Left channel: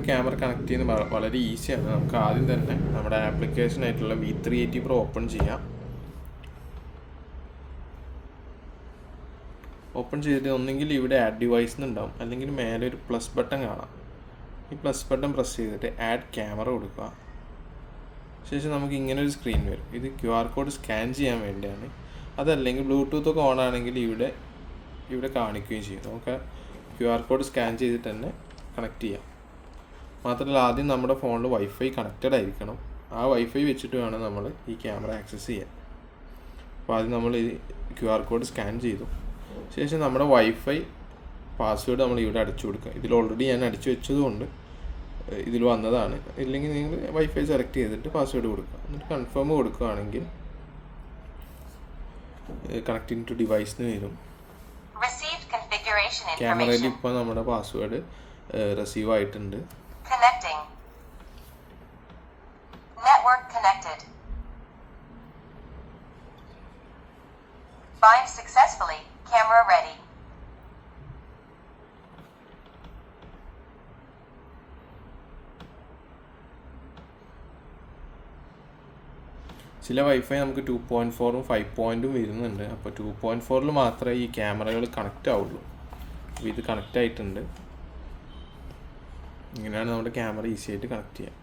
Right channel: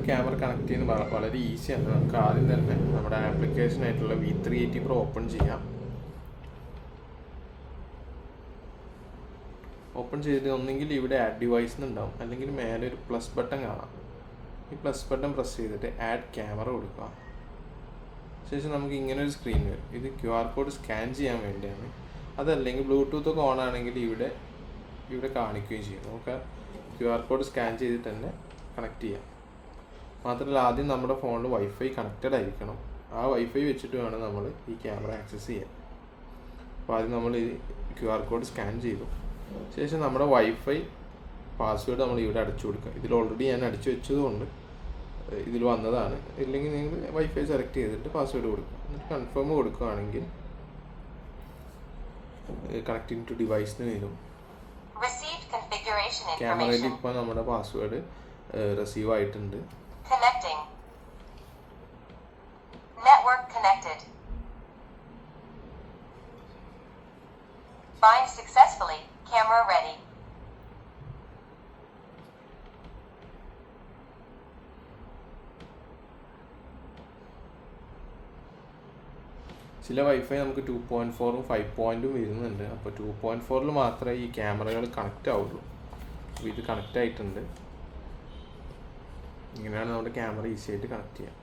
നമ്മുടെ camera connect ചെയ്യുന്നത് വളരെ ഈസിയാണ്. നമുക്ക് ആദ്യം തന്നെ നമ്മുടെ ആപ്ലിക്കേഷൻ ആയിട്ടുള്ള V380 Pro ഓപ്പൺ ചെയ്യാം. ഓപ്പൺ ചെയ്തിട്ട് ഒന്നെങ്കിൽ ഇവിടെ ആഡ് ഡിവൈസ് എന്നുണ്ടാവും, അല്ലെങ്കിൽ മേലെ ഒരു പ്ലസ് ബട്ടൺ കാണാം. ഈ പ്ലസ് ബട്ടൺ പ്രസ് ചെയ്തിട്ട് ആഡ് ക്യാമറ കൊടുക്കുക. ശേഷം നമുക്ക് ഇങ്ങനെ ഒരു സ്ക്രീൻ വരും. ഇത് QR കോഡ് സ്കാൻ ചെയ്യാൻ വേണ്ടിയാണ്. അതല്ലെങ്കിൽ ബ്ലൂടൂത്ത് ഒക്കെ ഓൺ ആണെങ്കിൽ ഇവിടെ കാണിക്കുകയും ചെയ്യും. നമുക്ക് QR കോഡ് സ്കാൻ ചെയ്തിട്ട് തന്നെ കണക്ട് ചെയ്യാം. മാത്രമല്ല ആദ്യം നമ്മുടെ ഫോണിൽ വൈഫൈ കണക്റ്റഡ് ആയിരിക്കണം. ആ വൈഫൈ വെച്ചിട്ട് വേണം നമ്മൾ ഈ ക്യാമറ ആക്സസ് ചെയ്യാൻ. അപ്പോൾ ആദ്യം നമ്മൾ ഈ QR കോഡ് സ്കാൻ ചെയ്തു ശേഷം നമ്മുടെ വൈഫൈ പാസ്വേഡ് നമ്മൾ ഇവിടെ അടിച്ചു കൊടുക്കുക. ഇതിൽ ഓൾറെഡി ഞാൻ അടിച്ചു വെച്ചതുകൊണ്ട് ഇതിൽ വന്നതാണ്. ഇല്ലെങ്കിൽ നിങ്ങൾ വൈഫൈ സെലക്ട് ചെയ്തിട്ട് പാസ്വേഡ് കൊടുക്കുക. എന്നിട്ട് കൺഫേം കൊടുക്കുകയാണെങ്കിൽ കണക്റ്റിംഗ് ടു ഡിവൈസിന് വരും. ക്യാമറയിൽ ഇപ്പോൾ നമ്മുടെ പാസ്വേഡ് റിസീവ് ആയിട്ടുണ്ട്. ചില വൈഫൈ നമുക്ക് 2.4ഉം 5.0ഉം വരുന്നുണ്ട്. അപ്പോൾ 2.4ൽ മാത്രമേ ഈ ക്യാമറകൾ കണക്റ്റ് ആവുള്ളൂ. അപ്പോൾ ഇത് കണക്റ്റ് ആയിട്ടുണ്ട്. ഇങ്ങനെയാണ് നമ്മുടെ ക്യാമറ ഈസി ആയിട്ട് കണക്ട് ചെയ്യാം.